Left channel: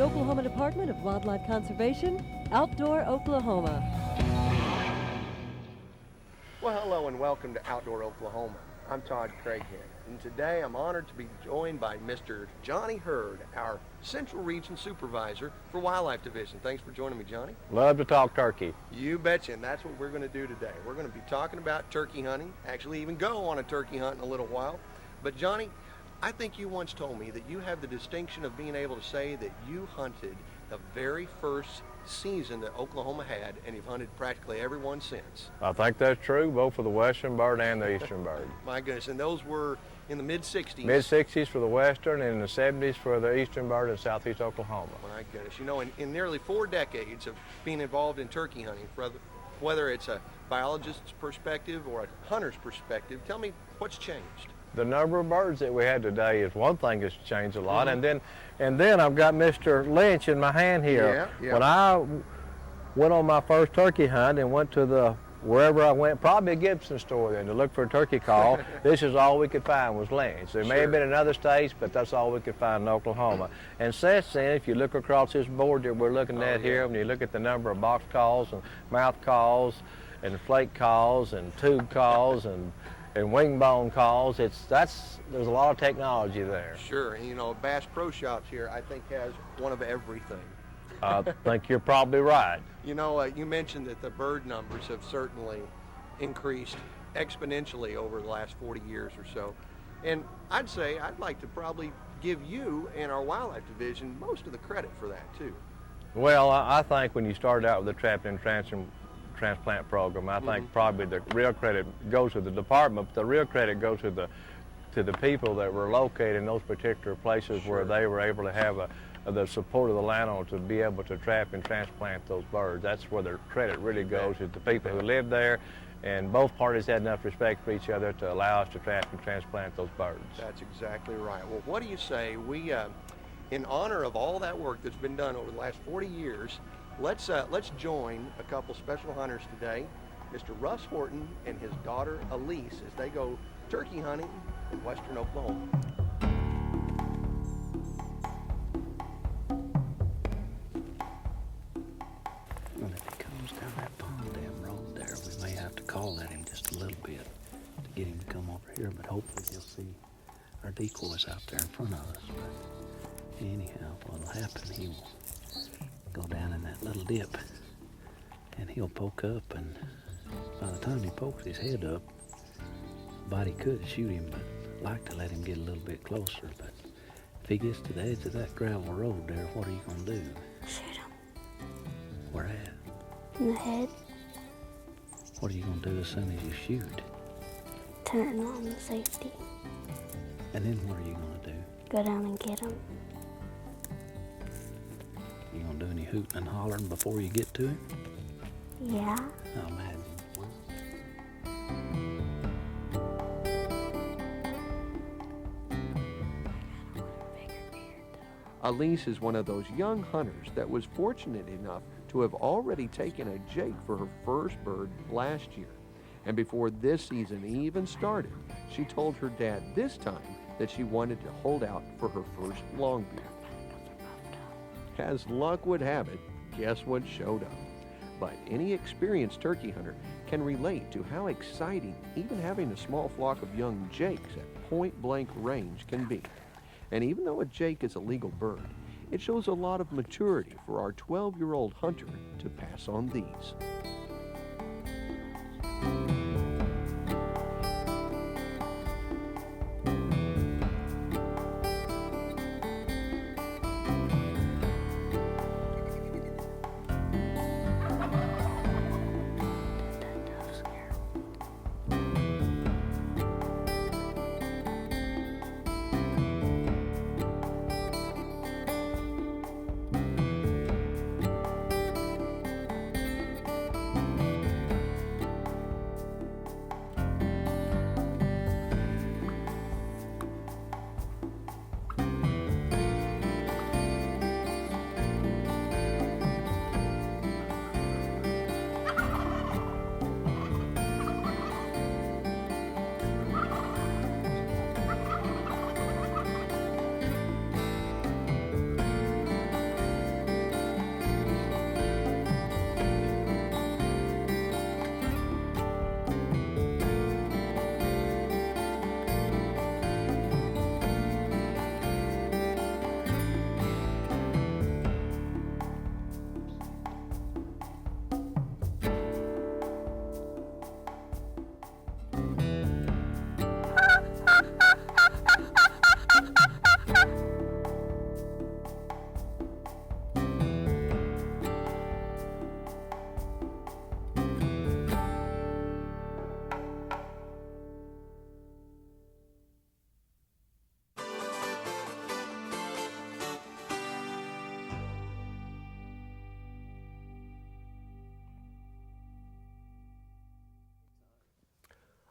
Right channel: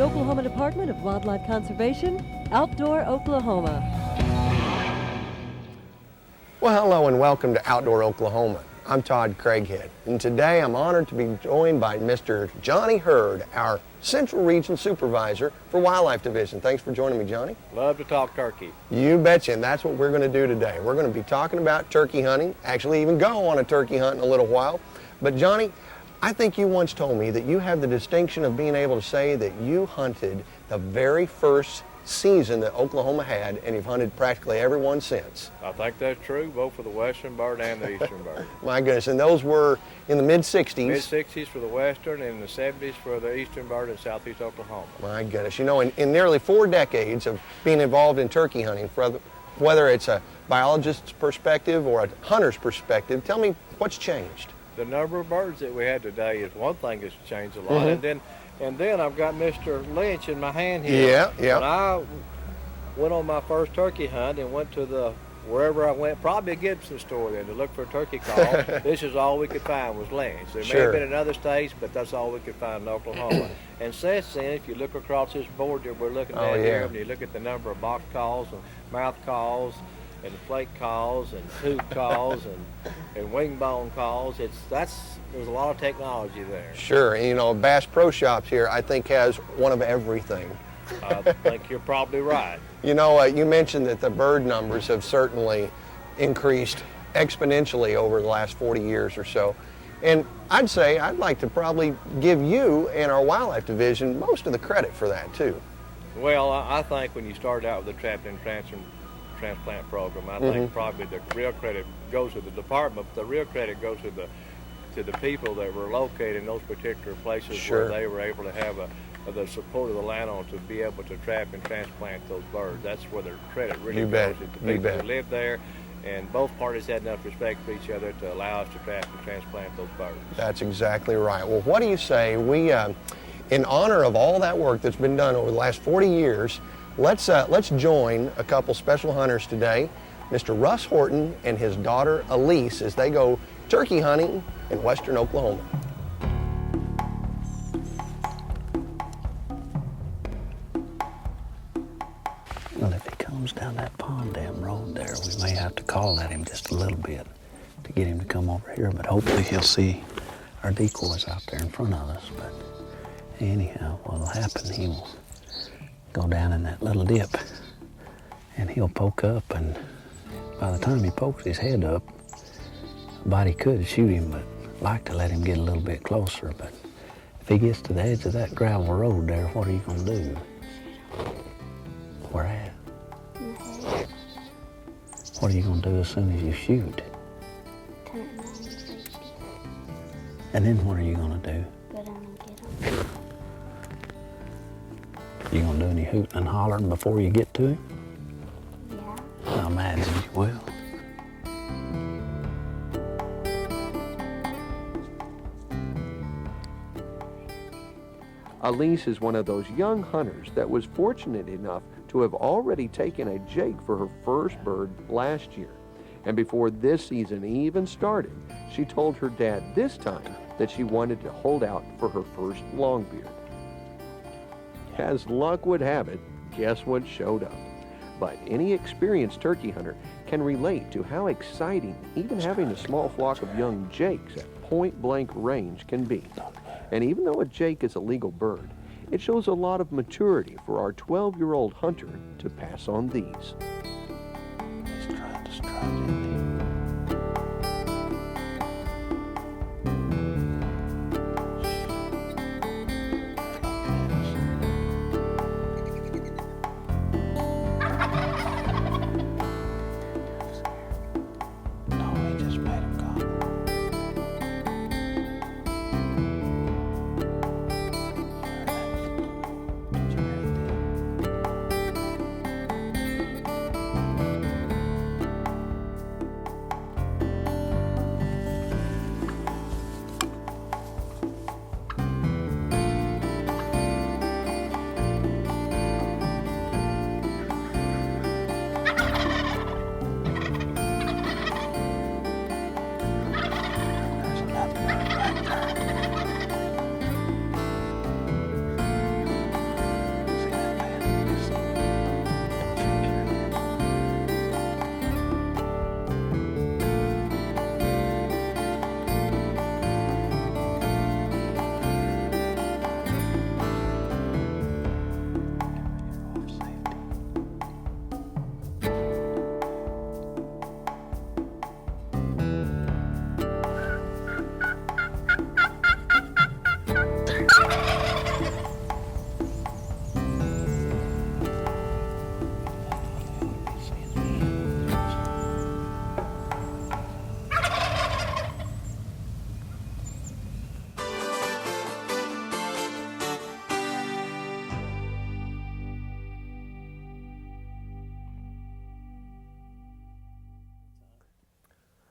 the Oklahoma Department of Wildlife Conservation, Outdoor Oklahoma. Well, hello and welcome to Outdoor Oklahoma. I'm Todd Craighead, and today I'm honored to be joined by Mr. Johnny Hurd, our Central Region Supervisor for Wildlife Division. Thanks for joining me, Johnny. Love to talk turkey. You betcha, and that's what we're going to do today. We're going to be talking about turkey hunting, actually even go on a turkey hunt in a little while. But Johnny, I think you once told me that you have the distinction of being able to say that you hunted the very first season that Oklahoma had, and you've hunted practically every one since. I think that's true, both for the western bird and the eastern bird. My goodness, and those were in the mid-60s. Mid-60s for the western and in the 70s for the eastern bird in southeast Oklahoma. My goodness, you know, in nearly 4 decades of being involved in turkey hunting, whether it's a biologist's perspective or a hunter's perspective, tell me what's changed. The number of birds that we have today is one thing that's changed a lot, and then I've got Mr. Lynch in my hand here. Yeah. When I went on my first turkey hunt and went to wherever I went, probably a Gibson store, to look for a turkey call, this is all we could find was Lynch. There may have been in other states, but that's all we could find in Oklahoma. And since then, if you look across this board that we're looking at here, when you look at the number of box calls and mouth calls and flake calls and tube calls and wing bone calls, there's a lot of technology there. Sure, and you know, Bass Pro Shops here, I think, has one of everything. I think you're probably right. You know, you mentioned that the bird numbers have certainly increased exponentially over the last 40 years or so. And I'd like to probably give you and our Wildlife Division most of the credit for that, too. Well, I think when you started out with the trap and transplant program, I think probably the real credit goes to the department, but the real credit goes to the people that were located in those particular places where they were able to have the support of the landowner to be able to trap and transplant those birds. That's where their credit really goes to the people who lived there, and both parties had enough respect for each other to allow us to trap and transplant those birds. That's exactly right. Well, what do you say we, in honor of all that work that's been done over the last 40 years, let's join a couple special hunters today, Mr. Russ Horton and his daughter Alysse, as they go turkey hunting in western Oklahoma. Well, if he comes down that pond dam road there, we may have to call at him just a little bit to get him to come over here, but hopefully he'll see our decoys out there in front of us. But anyhow, what'll happen, he will go down in that little dip and he'll poke up, and by the time he pokes his head up, body could shoot him, but I'd like to let him get a little bit closer. But if he gets to the edge of that gravel road there, what are you gonna do? Shoot him. Where at? In the head. What are you gonna do as soon as you shoot? Turn on the safety. And then what are you gonna do? Go down and get him. You gonna do any hooting and hollering before you get to him? Yeah. I imagine you will. Alysse is one of those young hunters that was fortunate enough to have already taken a jake for her first bird last year. And before this season even started, she told her dad this time that she wanted to hold out for her first longbeard. As luck would have it, guess what showed up? But any experienced turkey hunter can relate to how exciting even having a small flock of young jakes at point-blank range can be. And even though a jake is a legal bird, it shows a lot of maturity for our 12-year-old hunter to pass on these.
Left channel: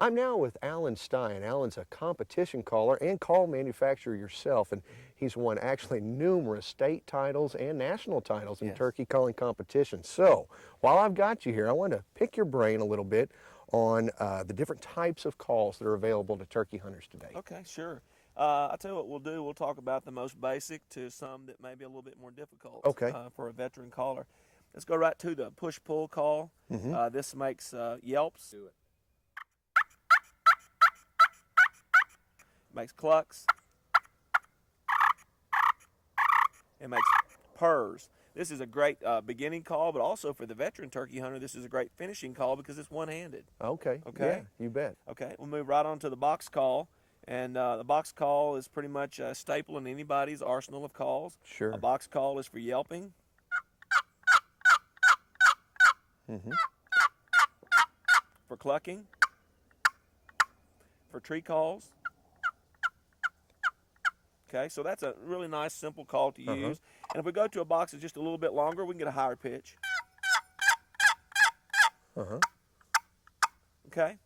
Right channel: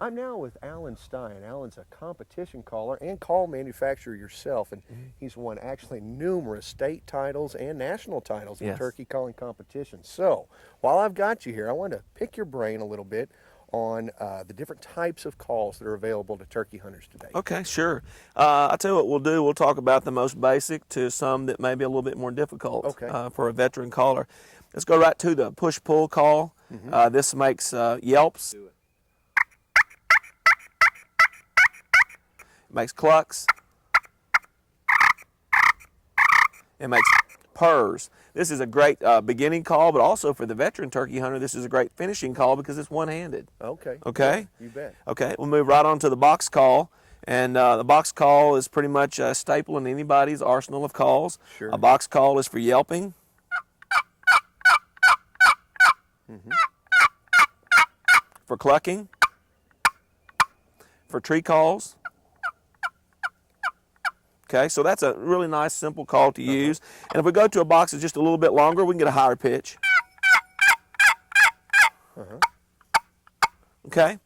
I'm now with Alan Stie, and Alan's a competition caller and call manufacturer yourself, and he's won actually numerous state titles and national titles in Yes. turkey calling competitions. So while I've got you here, I want to pick your brain a little bit on the different types of calls that are available to turkey hunters today. Okay, sure. I'll tell you what we'll do. We'll talk about the most basic to some that may be a little bit more difficult for a veteran caller. Let's go right to the push-pull call. This makes yelps. It makes clucks. It makes purrs. This is a great beginning call, but also for the veteran turkey hunter, this is a great finishing call because it's one-handed. Okay. Okay? Yeah, you bet. Okay, we'll move right on to the box call. And the box call is pretty much a staple in anybody's arsenal of calls. Sure. A box call is for yelping. For clucking. For tree calls. Okay, so that's a really nice, simple call to use. And if we go to a box that's just a little bit longer, we can get a higher pitch. Okay.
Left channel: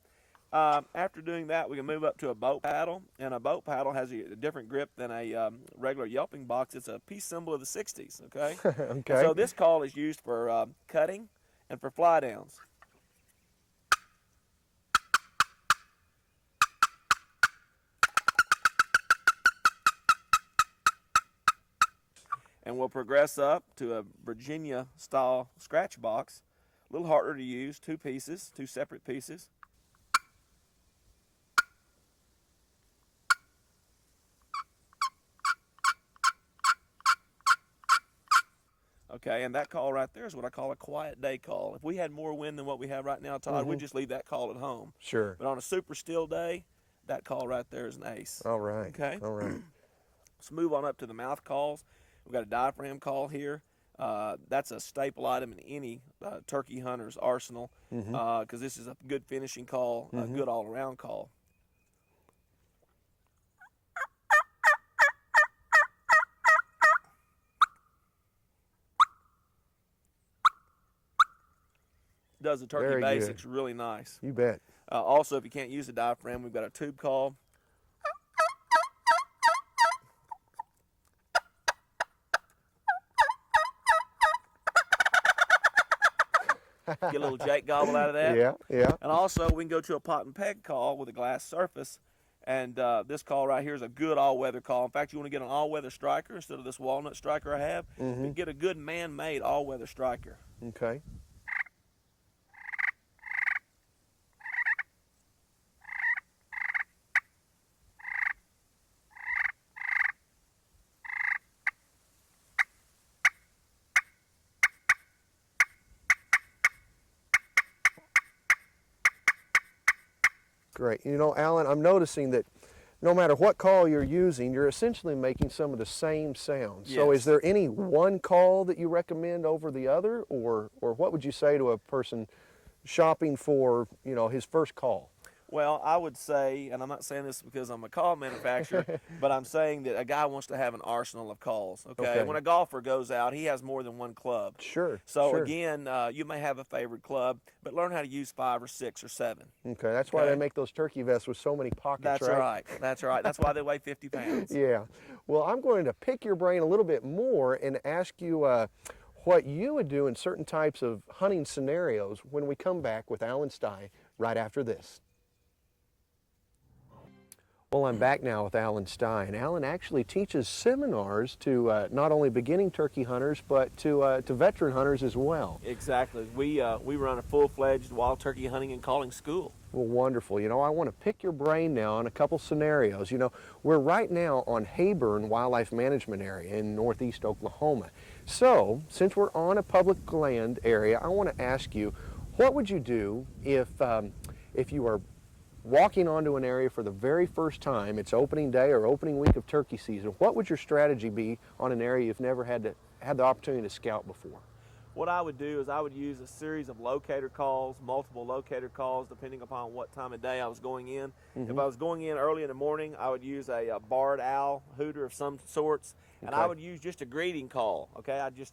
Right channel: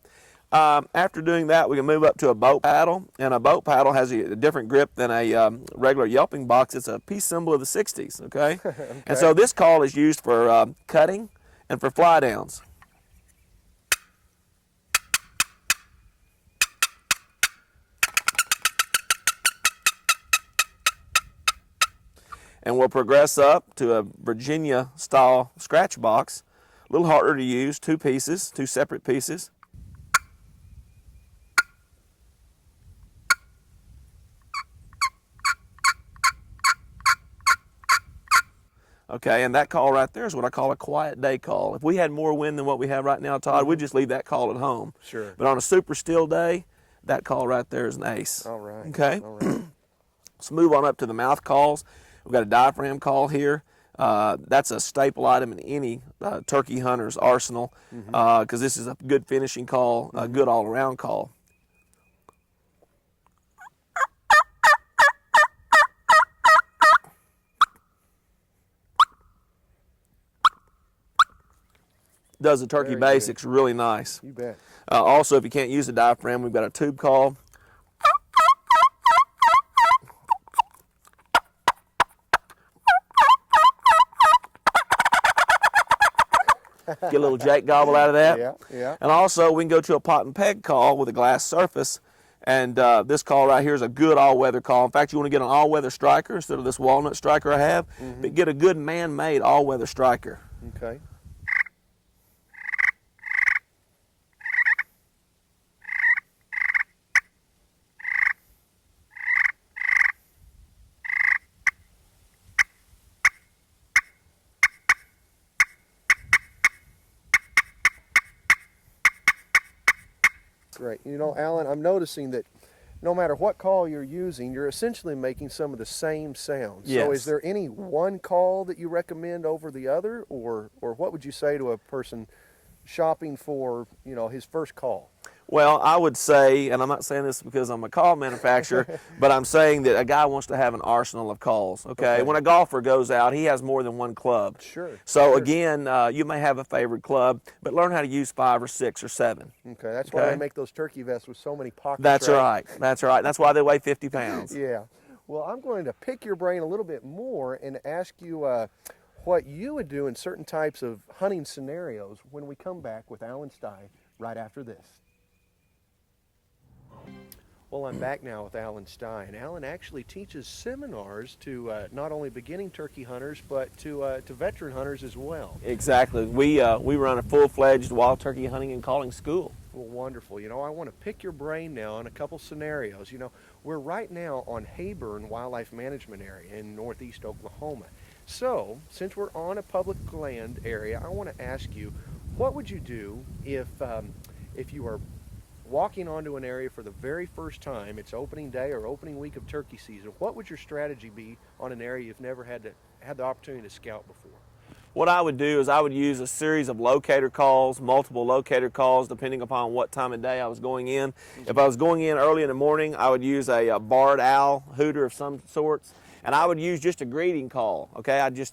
After doing that, we can move up to a boat paddle. And a boat paddle has a different grip than a regular yelping box. It's a peace symbol of the 60s, okay? And so this call is used for cutting and for fly downs. And we'll progress up to a Virginia-style scratch box. A little harder to use, two pieces, two separate pieces. Okay, and that call right there is what I call a quiet day call. If we had more wind than what we have right now, Todd, we'd just leave that call at home. Sure. But on a super still day, that call right there is an ace. All right. Okay. All right. Let's move on up to the mouth calls. We've got a diaphragm call here. That's a staple item in any turkey hunter's arsenal because this is a good finishing call, a good all-around call. Does the turkey Very basics really nice. You bet. Also, if you can't use the diaphragm, we've got a tube call. Get a little Jake gobble out of that. Yeah, yeah. And also, we can go to a pot and peg call with a glass surface. And this call right here is a good all-weather call. In fact, you want to get an all-weather striker instead of this walnut striker I have. But get a good man-made all-weather striker. Okay. Great. You know, Alan, I'm noticing that no matter what call you're using, you're essentially making some of the same sounds. So Yes. is there any one call that you recommend over the other, or what would you say to a person shopping for, you know, his first call? Well, I would say, and I'm not saying this because I'm a call manufacturer, but I'm saying that a guy wants to have an arsenal of calls, okay? When a golfer goes out, he has more than one club. Sure. So sure. again, you may have a favorite club, but learn how to use 5 or 6 or 7. Okay, that's why they make those turkey vests with so many pockets. That's right. That's right. That's why they weigh 50 pounds. Yeah. Well, I'm going to pick your brain a little bit more and ask you what you would do in certain types of hunting scenarios when we come back with Alan Stie right after this. Well, I'm back now with Alan Stie, and Alan actually teaches seminars to not only beginning turkey hunters, but to veteran hunters as well. Exactly. We run a full-fledged wild turkey hunting and calling school. Well, wonderful. You know, I want to pick your brain now on a couple scenarios. You know, we're right now on Hayburn Wildlife Management Area in northeast Oklahoma. So, since we're on a public land area, I want to ask you, what would you do if you are walking onto an area for the very first time, it's opening day or opening week of turkey season? What would your strategy be on an area you've never had the opportunity to scout before? What I would do is I would use a series of locator calls, multiple locator calls, depending upon what time of day I was going in. If I was going in early in the morning, I would use a barred owl hooter of some sorts, and I would use just a greeting call, okay? I'd just,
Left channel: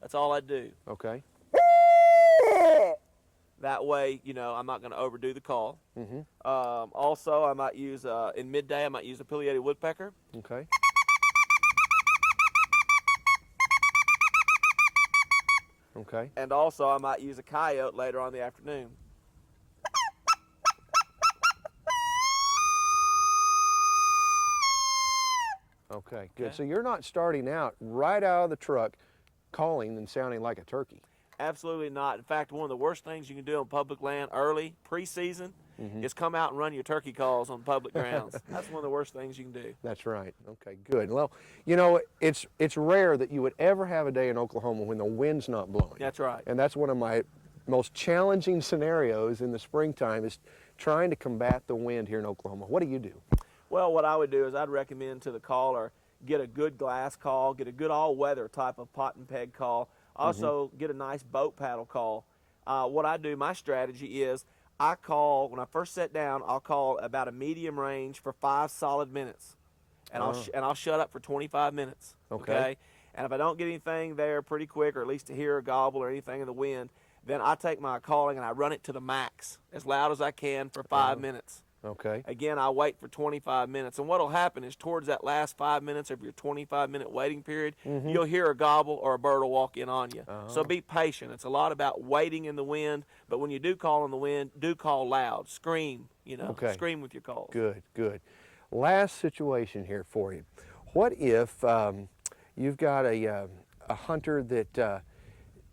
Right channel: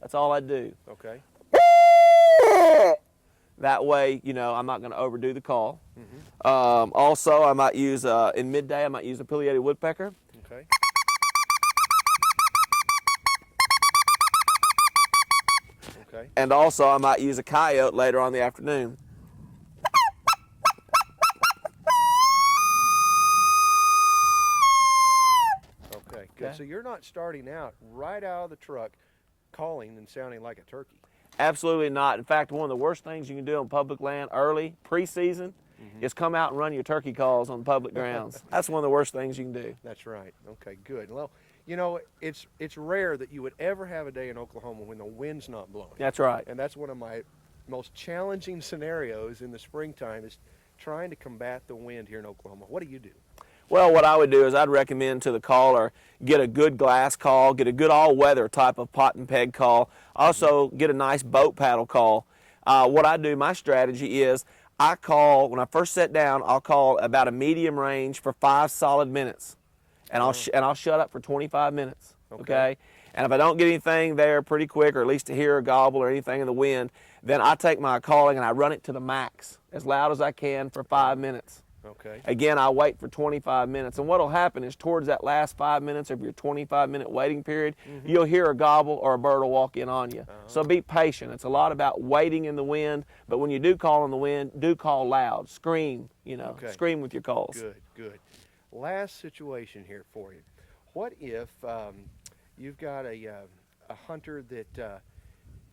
that's all I'd do. Okay. That way, you know, I'm not going to overdo the call. Also, I might use, in midday, I might use a pileated woodpecker. Okay. Okay. And also, I might use a coyote later on in the afternoon. Okay, good. So you're not starting out right out of the truck calling and sounding like a turkey. Absolutely not. In fact, one of the worst things you can do on public land early, pre-season, is come out and run your turkey calls on public grounds. That's one of the worst things you can do. That's right. Okay, good. Well, you know, it's rare that you would ever have a day in Oklahoma when the wind's not blowing. That's right. And that's one of my most challenging scenarios in the springtime is trying to combat the wind here in Oklahoma. What do you do? Well, what I would do is I'd recommend to the caller, get a good glass call, get a good all-weather type of pot and peg call. Also, get a nice boat paddle call. What I do, my strategy is I call, when I first sit down, I'll call about a medium range for 5 solid minutes. And I'll shut up for 25 minutes, okay? And if I don't get anything there pretty quick, or at least to hear a gobble or anything in the wind, then I take my calling and I run it to the max, as loud as I can for 5 minutes. Okay. Again, I wait for 25 minutes. And what will happen is towards that last 5 minutes of your 25-minute waiting period, you'll hear a gobble or a bird will walk in on you. So be patient. It's a lot about waiting in the wind, but when you do call in the wind, do call loud. Scream, you know, scream with your calls. Good, good. Last situation here for you. What if you've got a hunter that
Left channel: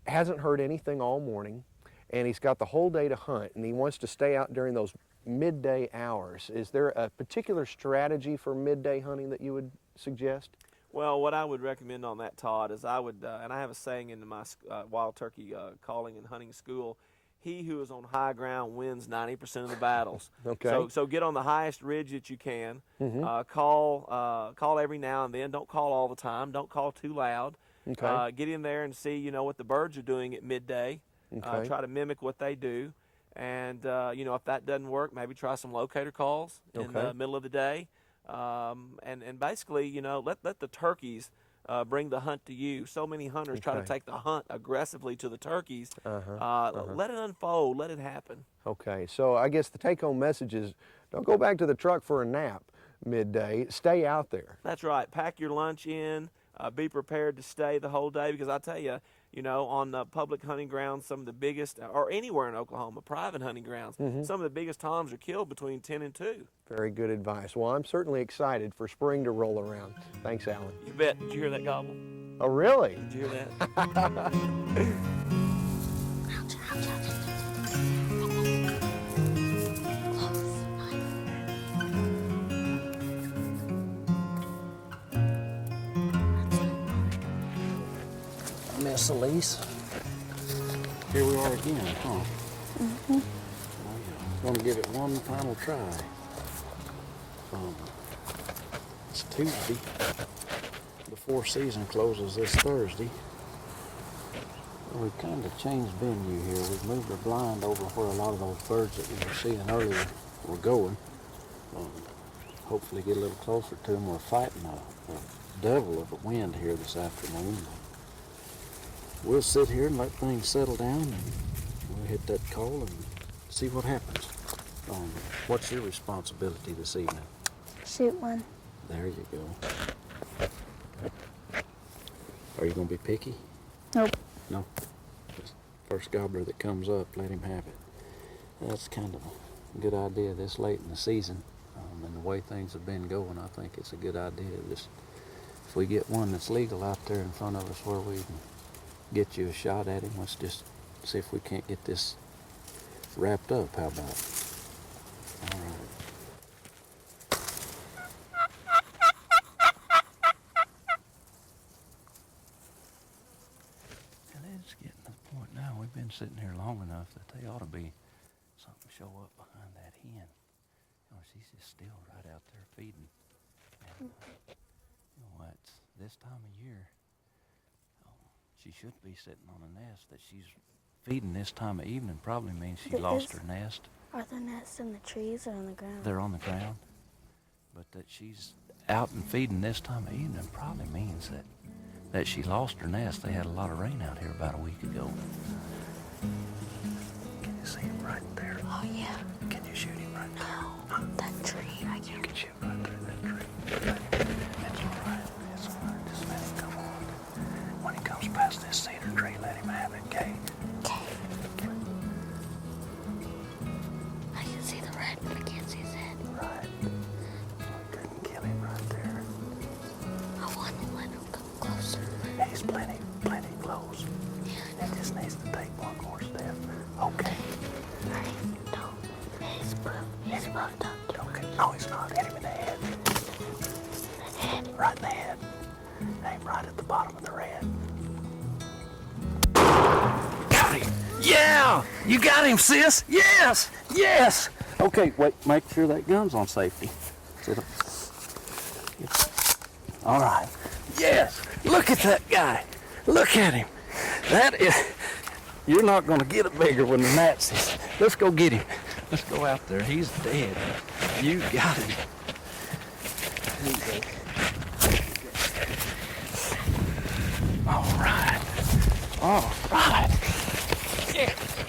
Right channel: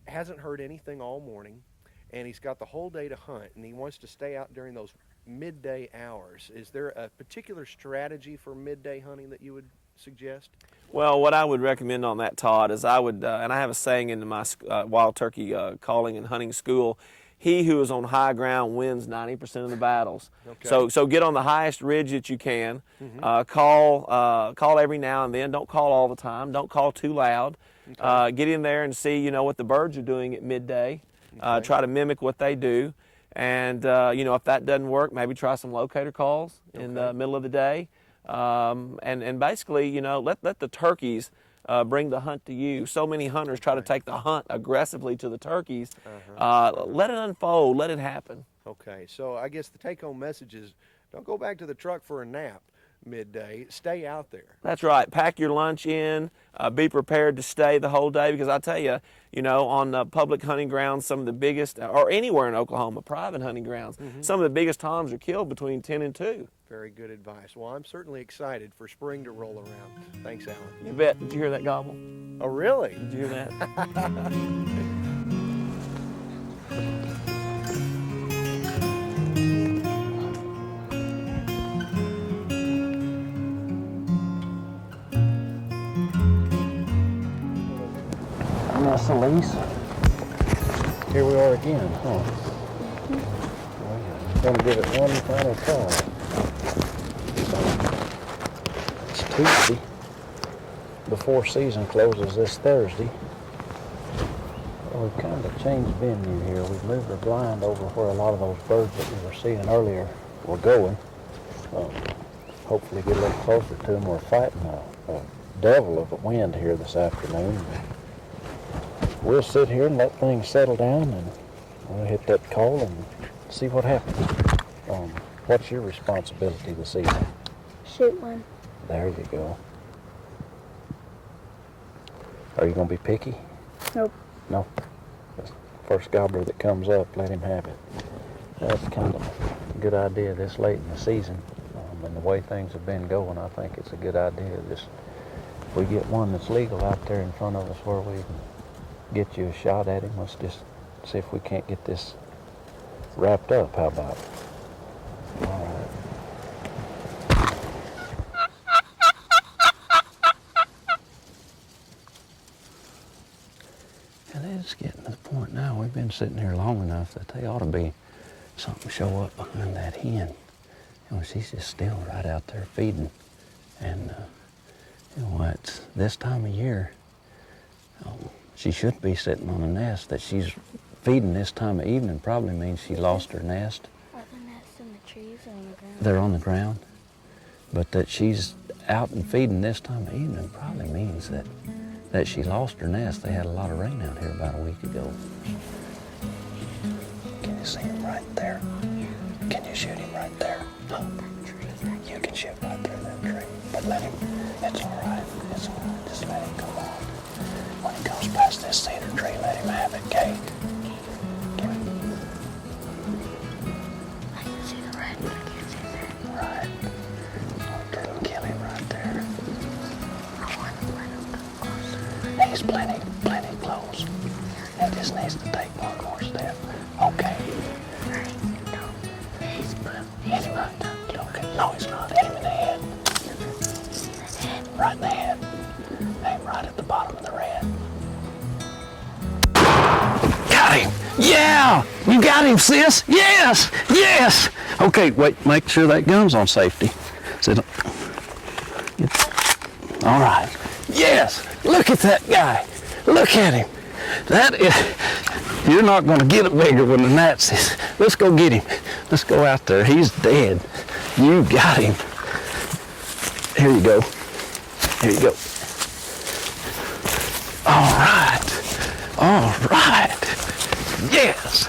hasn't heard anything all morning, and he's got the whole day to hunt, and he wants to stay out during those midday hours? Is there a particular strategy for midday hunting that you would suggest? Well, what I would recommend on that, Todd, is I would, and I have a saying in my wild turkey calling and hunting school, he who is on high ground wins 90% of the battles. Okay. So get on the highest ridge that you can. Call every now and then. Don't call all the time. Don't call too loud. Get in there and see, you know, what the birds are doing at midday. Try to mimic what they do. And, you know, if that doesn't work, maybe try some locator calls in the middle of the day. And basically, you know, let the turkeys bring the hunt to you. So many hunters try to take the hunt aggressively to the turkeys. Let it unfold. Let it happen. Okay, so I guess the take-home message is don't go back to the truck for a nap midday. Stay out there. That's right. Pack your lunch in. Be prepared to stay the whole day, because I tell you, you know, on public hunting grounds, some of the biggest, or anywhere in Oklahoma, private hunting grounds, some of the biggest toms are killed between 10 and 2. Very good advice. Well, I'm certainly excited for spring to roll around. Thanks, Alan. You bet. Did you hear that gobble? Oh, really? Did you hear that? Miss Alysse, here we are again, huh? We're gonna give it one final call. It's Tuesday. Before season closes this Thursday. Well, we've kind of changed venue here. We've moved the blind over where a lot of those birds that we were seeing earlier were going. Hopefully get a little closer to them. We're fighting a devil of a wind here this afternoon. We'll sit here and let things settle down, and we'll hit that call and see what happens. What's your responsibility this evening? Shoot one. There you go. Are you going to be picky? Nope. No. Just first gobbler that comes up, let him have it. That's kind of a good idea this late in the season. And the way things have been going, I think it's a good idea. Just if we get one that's legal out there in front of us where we can get you a shot at him, let's just see if we can't get this wrapped up. How about it? All right. And it's getting to the point now, we've been sitting here long enough that they ought to be something show up behind that hen. You know, she's just still right out there feeding. And, you know, it's this time of year, she should be sitting on a nest. That she's feeding this time of evening probably means she lost her nest. Are the nests in the trees or on the ground? They're on the ground. But that she's out and feeding this time of evening probably means that she lost her nest. They had a lot of rain out here about a week ago. Okay, see him right there? Oh, yeah. Can you shoot him right there? Huh? That tree right You can shoot right there, that tree. But let him, it's all right. It's all right. Just let him come on. When he comes past this cedar tree, let him have it, okay? Okay. I can see the red, but I can't see his head. Right. Oh, couldn't kill him right there. I want to let him go closer. He's plenty close. He just needs to take one more step. Okay. No. He's blue. Hit him right there. Okay. No, he's not. Hit him in the head. Right in the head. Aim right at the bottom of the red. Got him! Yeah! You got him, sis! Yes! Yes! Okay, wait, make sure that gun's on safety. Sit. All right. Yes! Look at that guy! Look at him! That is... You're not going to get it bigger than the Nazis. Let's go get him. Let's go out there. He's dead. You got him. Here you go. Here you go. All right. All right. Yes.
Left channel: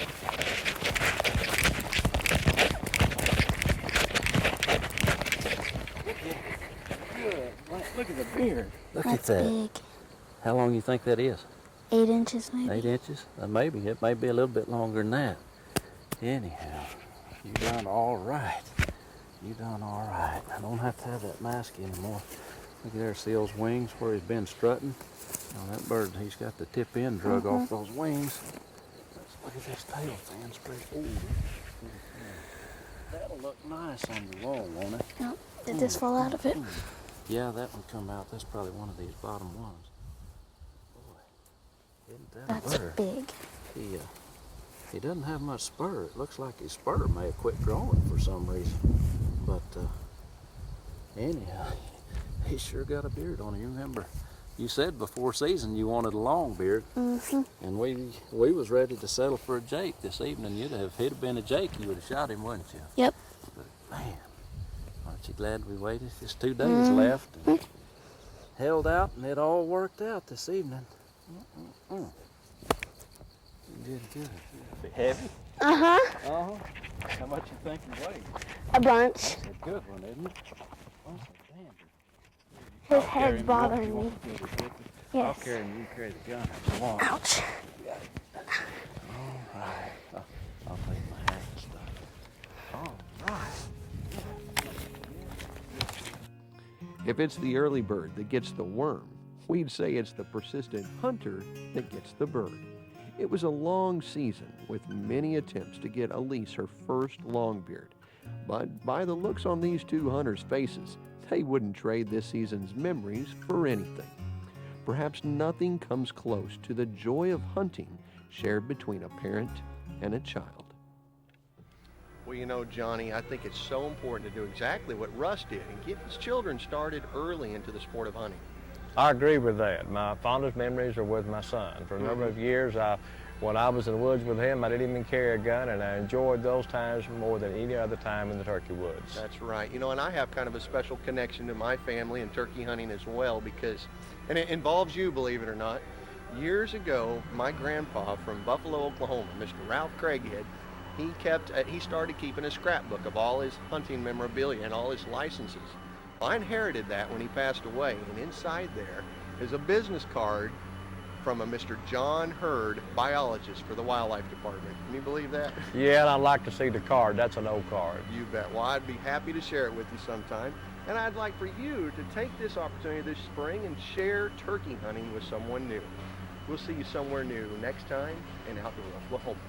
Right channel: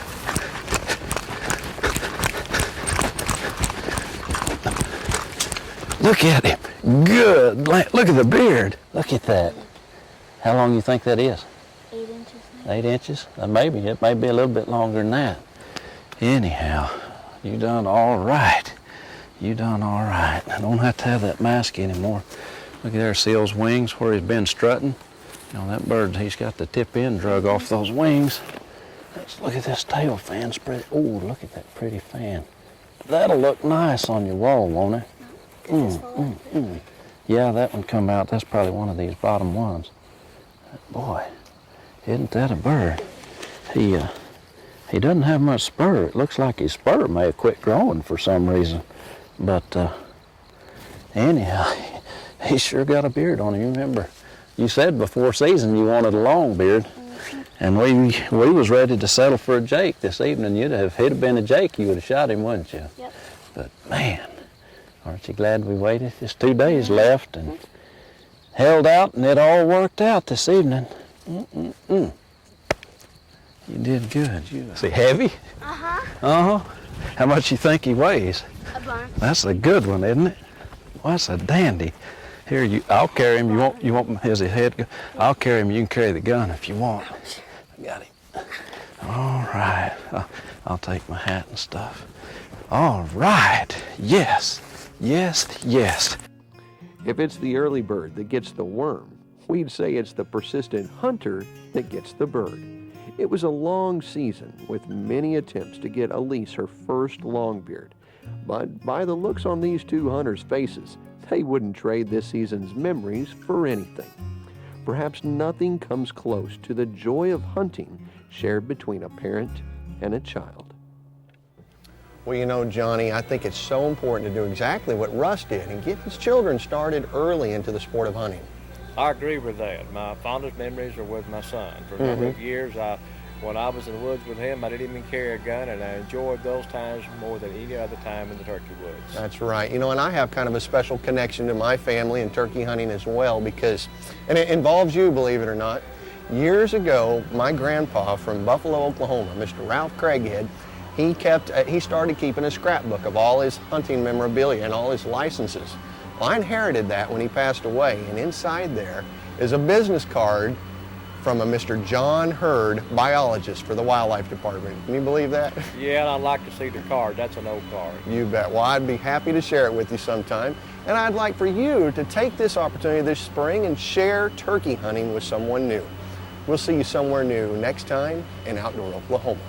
Look at him. Good. Look at the beard. Look at that. Big. How long you think that is? 8 inches maybe. 8 inches? Maybe. It may be a little bit longer than that. Anyhow, you done all right. You done all right. I don't have to have that mask anymore. Look at there, see those wings where he's been strutting? You know, that bird, he's got the tip end drug off those wings. Let's look at this tail fan spread. Oh, look at that pretty fan. That'll look nice on your wall, won't it? No, did this fall out of it? Yeah, that one come out. That's probably one of these bottom ones. Boy, isn't that a bird? Big. He doesn't have much spur. It looks like his spur may have quit growing for some reason. But anyhow, he sure got a beard on him. You remember, you said before season you wanted a long beard. Mm-hmm. And we was ready to settle for a Jake this evening. If it'd have been a Jake, you would have shot him, wouldn't you? Yep. But man, aren't you glad we waited? Just 2 days left and held out, and it all worked out this evening. You did good. Is he heavy? Uh-huh. Uh-huh. How much you think he weighs? A bunch. That's a good one, isn't it? Well, that's a dandy. Here, I'll carry him. You want his head? I'll carry him. You can carry the gun if you want. Ouch. Got it. All right. I'll take my hat and stuff. All right. Yes. Yes. Yes. If it's the early bird that gets the worm, we'd say it's the persistent hunter that gets the bird. It was a long season with many attempts to get Alysse her first longbeard. But by the looks on these two hunters' faces, they wouldn't trade this season's memories for anything. Perhaps nothing comes close to the joy of hunting shared between a parent and a child. Well, you know, Johnny, I think it's so important to do exactly what Russ did and get his children started early into the sport of hunting. I agree with that. My fondest memories are with my son. For a number of years, when I was in the woods with him, I didn't even carry a gun, and I enjoyed those times more than any other time in the turkey woods. That's right. You know, and I have kind of a special connection to my family and turkey hunting as well because, and it involves you, believe it or not. Years ago, my grandpa from Buffalo, Oklahoma, Mr. Ralph Craighead, he started keeping a scrapbook of all his hunting memorabilia and all his licenses. Well, I inherited that when he passed away, and inside there is a business card from a Mr. John Hurd, biologist for the Wildlife Department. Can you believe that? Yeah, and I'd like to see the card. That's an old card. You bet. Well, I'd be happy to share it with you sometime. And I'd like for you to take this opportunity this spring and share turkey hunting with someone new. We'll see you somewhere new next time in Outdoor Oklahoma.